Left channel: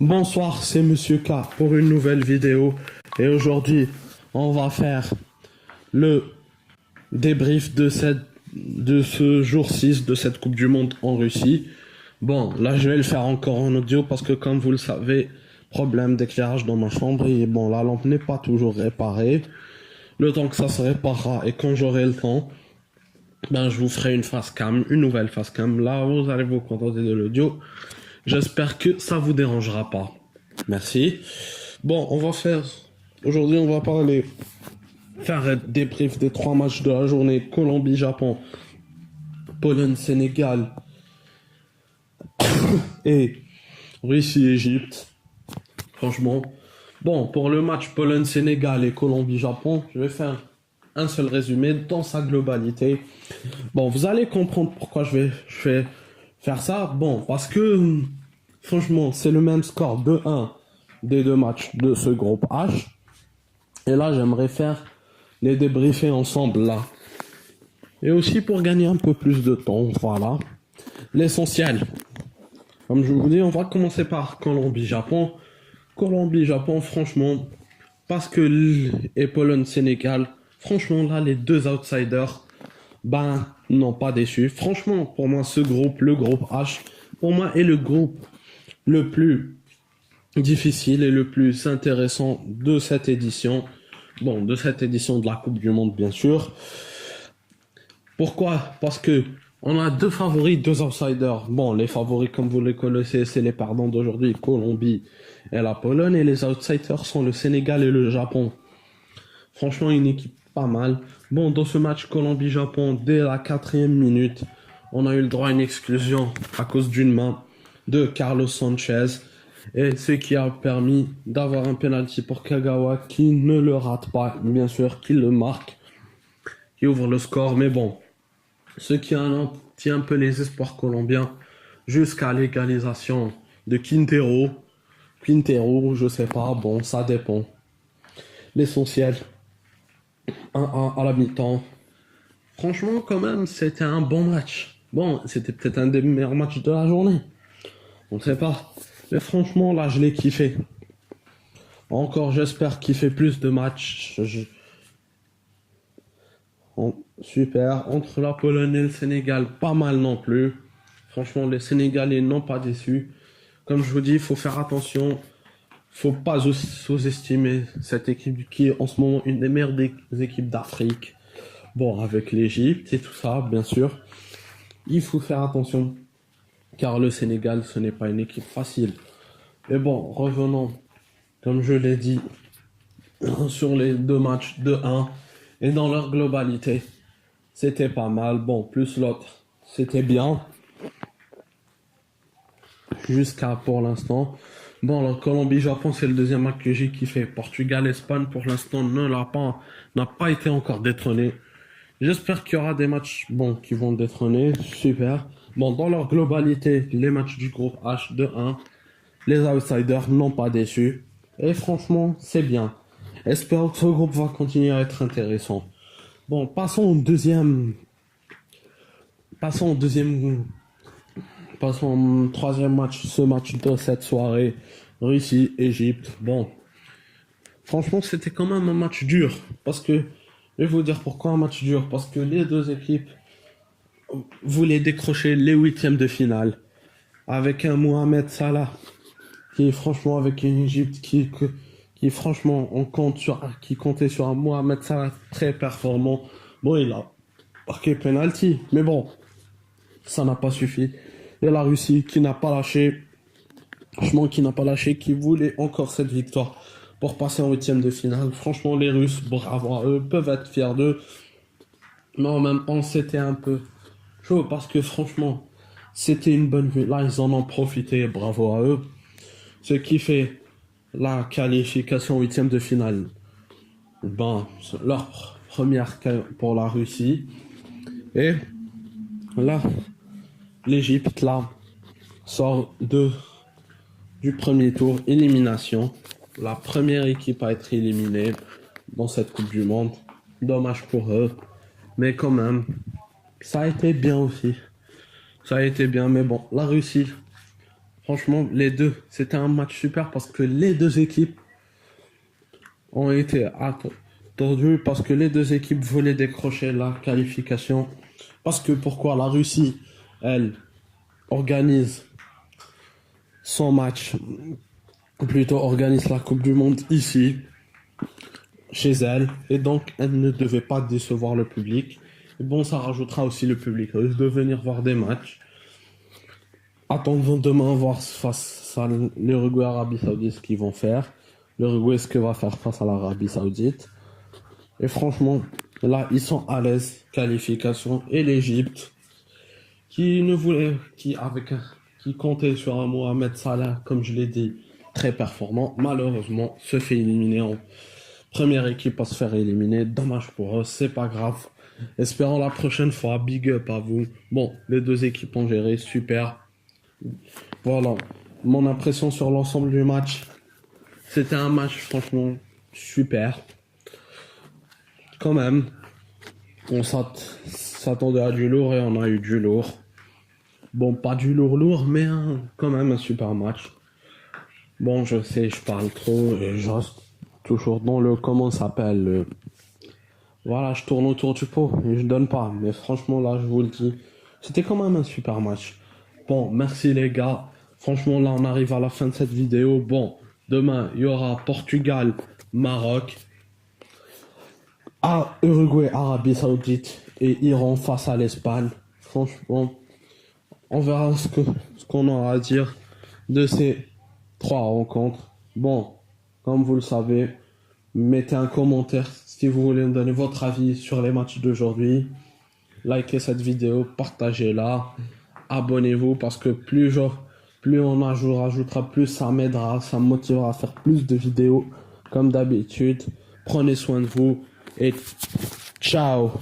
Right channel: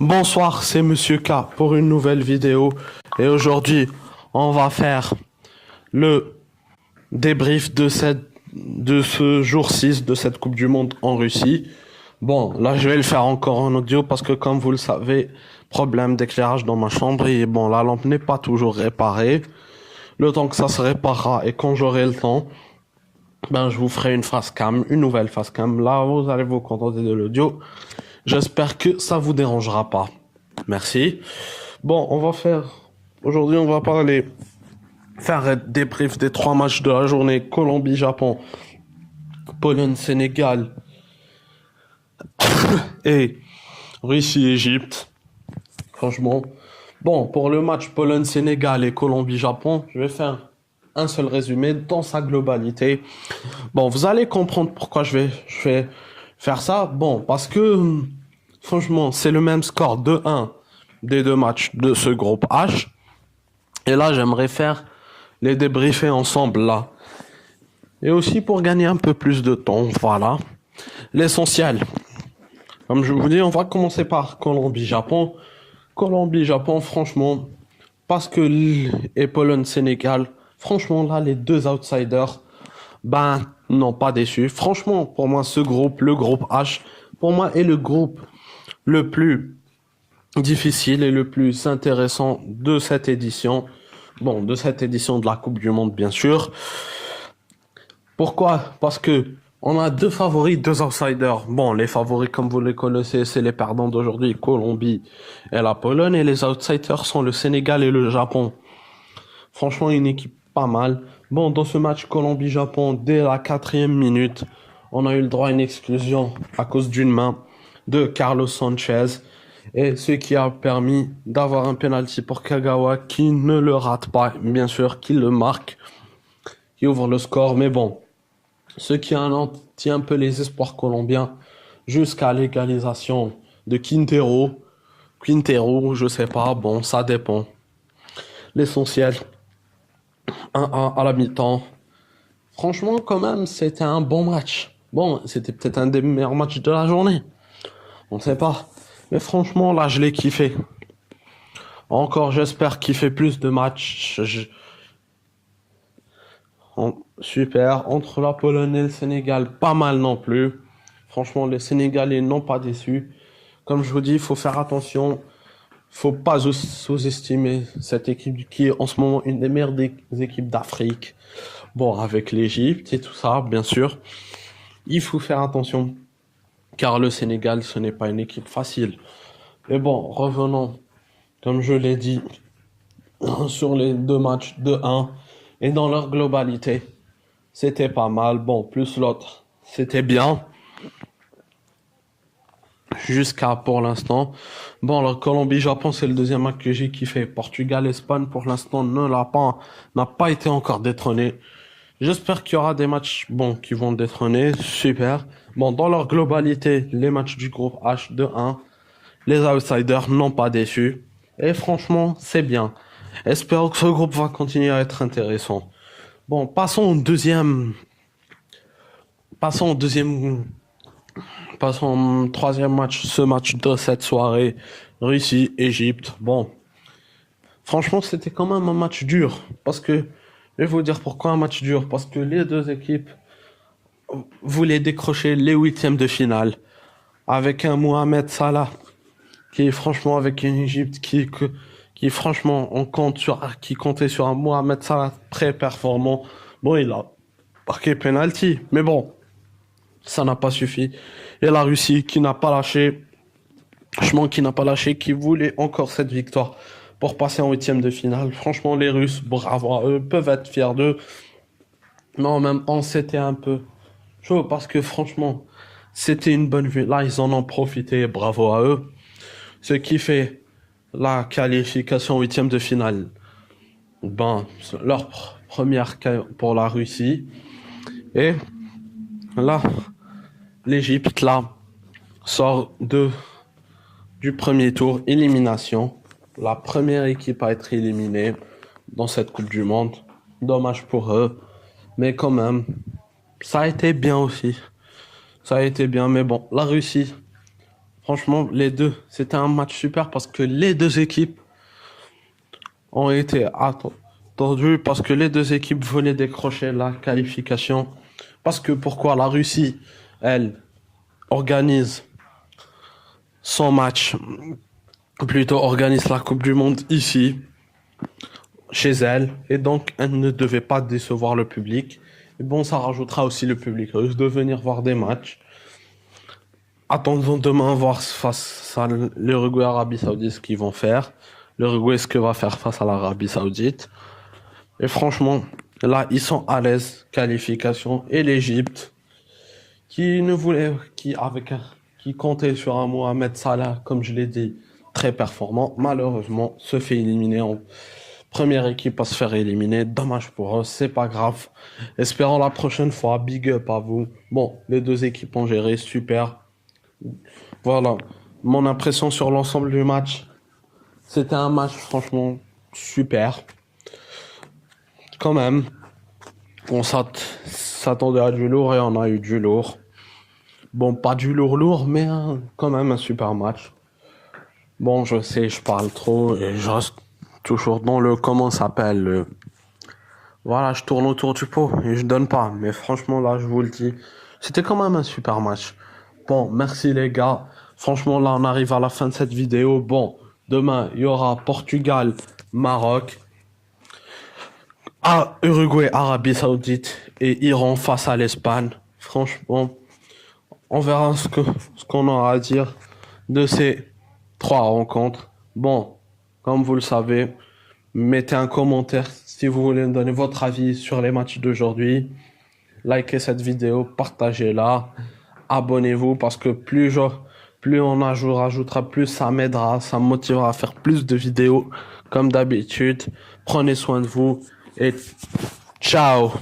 Bonsoir, c'est Monsieur K pour une nouvelle vidéo. Et aujourd'hui, on va faire le débrief de ce jour 6 de cette Coupe du Monde en Russie. Bon, là, je vais le faire encore en audio parce que, comme vous le savez, problème d'éclairage dans ma chambre et bon, la lampe n'est pas toujours réparée. Le temps que ça se réparera et quand j'aurai le temps, ben, je vous ferai une face cam, une nouvelle face cam. Là, vous allez vous contenter de l'audio. J'espère que ça vous dérangera pas. Merci. Bon, aujourd'hui, on va faire un débrief des 3 matchs de la journée: Colombie-Japon, Pologne-Sénégal et Russie-Égypte. Franchement, bon, pour le match Pologne-Sénégal et Colombie-Japon, je vais faire un seul résumé dans sa globalité. Bon, vous allez comprendre pourquoi je vais faire ça. Bon, parce que, franchement, c'est le même score 2-1 des deux matchs de ce groupe H. Et là, j'aimerais faire les débriefer ensemble, là. Et aussi pour gagner un peu plus de temps, voilà. L'essentiel. Comme je vous dis, on va commencer par Colombie-Japon. Colombie-Japon, franchement, parce que et Pologne-Sénégal, franchement, là, les deux outsiders, ben, n'ont pas déçu. Franchement, pour moi, ce groupe, le groupe H, pour moi, est le groupe le plus difficile et le plus intéressant de cette édition. Bon, de cette édition de la Coupe du Monde, bien sûr. Pourquoi? Parce que on a deux favoris, deux outsiders. Bon, les favoris, comme vous les connaissez, c'est les perdants d'aujourd'hui, Colombie et la Pologne. Et les outsiders sont le Sénégal et le Japon. Franchement, une équipe pas mal. Bon, dans ce match Colombie-Japon, dès la 4e minute, on a eu le droit à une exclusion à cause d'une main de Carlos Sanchez. Et ce qui a permis d'avoir un penalty pour Kagawa qui ne le rate pas, bien sûr, qui le marque, qui ouvre le score. Mais bon, ce qui anéantit un peu les espoirs colombiens jusqu'à l'égalisation de Quintero. Quintero, je sais pas, bon, ça dépend. L'essentiel, 1-1 à la mi-temps. Franchement, quand même, c'était un bon match. Bon, c'était peut-être un des meilleurs matchs de la journée. On ne sait pas. Mais franchement, là, je l'ai kiffé. Encore, j'espère kiffer plus de matchs. Super. Entre la Pologne et le Sénégal, pas mal non plus. Franchement, les Sénégalais n'ont pas déçu. Comme je vous dis, il faut faire attention. Faut pas sous-estimer cette équipe qui est en ce moment une des meilleures équipes d'Afrique. Bon, avec l'Égypte et tout ça, bien sûr. Il faut faire attention. Car le Sénégal, ce n'est pas une équipe facile. Mais bon, revenons, comme je l'ai dit, sur les deux matchs de 1 et dans leur globalité. C'était pas mal. Bon, plus l'autre, c'était bien. Jusqu'à pour l'instant. Bon, le Colombie-Japon, c'est le deuxième match que j'ai kiffé. Portugal-Espagne, pour l'instant, n'a pas été encore détrôné. J'espère qu'il y aura des matchs, bon, qui vont détrôner. Super. Bon, dans leur globalité, les matchs du groupe H de 1, les outsiders n'ont pas déçu. Et franchement, c'est bien. Espérons que ce groupe va continuer à être intéressant. Bon, passons au troisième match, ce match de cette soirée, Russie-Égypte. Bon, franchement, c'était quand même un match dur. Parce que, je vais vous dire pourquoi un match dur. Parce que les deux équipes voulaient décrocher les huitièmes de finale. Avec un Mohamed Salah, qui est franchement avec une Égypte qui franchement, qui comptait sur un Mohamed Salah très performant. Bon, il a marqué penalty. Mais bon, ça n'a pas suffi. Et la Russie qui n'a pas lâché, franchement qui n'a pas lâché, qui voulait encore cette victoire pour passer en huitième de finale. Franchement, les Russes, bravo à eux, peuvent être fiers d'eux. Mais en même temps, c'était un peu chaud parce que franchement, c'était une bonne vue. Là, ils en ont profité, bravo à eux. Ce qui fait la qualification en huitième de finale. Ben, leur première pour la Russie. Et là, l'Égypte, là, sort du premier tour, élimination. La première équipe à être éliminée dans cette Coupe du Monde. Dommage pour eux. Mais quand même, ça a été bien aussi. Ça a été bien, mais bon, la Russie, Franchement, les deux, c'était un match super parce que les deux équipes ont été attendues parce que les deux équipes voulaient décrocher la qualification. Parce que pourquoi la Russie, elle, organise son match, plutôt organise la Coupe du Monde ici, chez elle, et donc elle ne devait pas décevoir le public. Et bon, ça rajoutera aussi le public russe de venir voir des matchs. Attendons demain voir face à l'Uruguay, Arabie Saoudite ce qu'ils vont faire. L'Uruguay ce que va faire face à l'Arabie Saoudite. Et franchement, là ils sont à l'aise, qualification. Et l'Égypte, qui comptait sur un Mohamed Salah, comme je l'ai dit, très performant, malheureusement se fait éliminer en première équipe à se faire éliminer. Dommage pour eux, c'est pas grave. Espérons la prochaine fois. Big up à vous. Bon, les deux équipes ont géré, super. Voilà, mon impression sur l'ensemble du match. C'était un match franchement super. Quand même, on s'attendait à du lourd et on a eu du lourd. Bon, pas du lourd, mais quand même un super match. Bon, je sais, je parle trop et je reste toujours dans le, comment ça s'appelle, voilà, je tourne autour du pot et je donne pas. Mais franchement, là, je vous le dis, c'était quand même un super match. Bon, merci les gars. Franchement, là, on arrive à la fin de cette vidéo. Bon, demain, il y aura Portugal, Maroc, Uruguay, Arabie Saoudite et Iran face à l'Espagne. Franchement, on verra ce qu'on aura à dire de ces trois rencontres. Bon, comme vous le savez, mettez un commentaire si vous voulez me donner votre avis sur les matchs d'aujourd'hui. Likez cette vidéo, partagez-la, abonnez-vous parce que plus on rajoutera, plus ça m'aidera, ça me motivera à faire plus de vidéos comme d'habitude. Prenez soin de vous et ciao!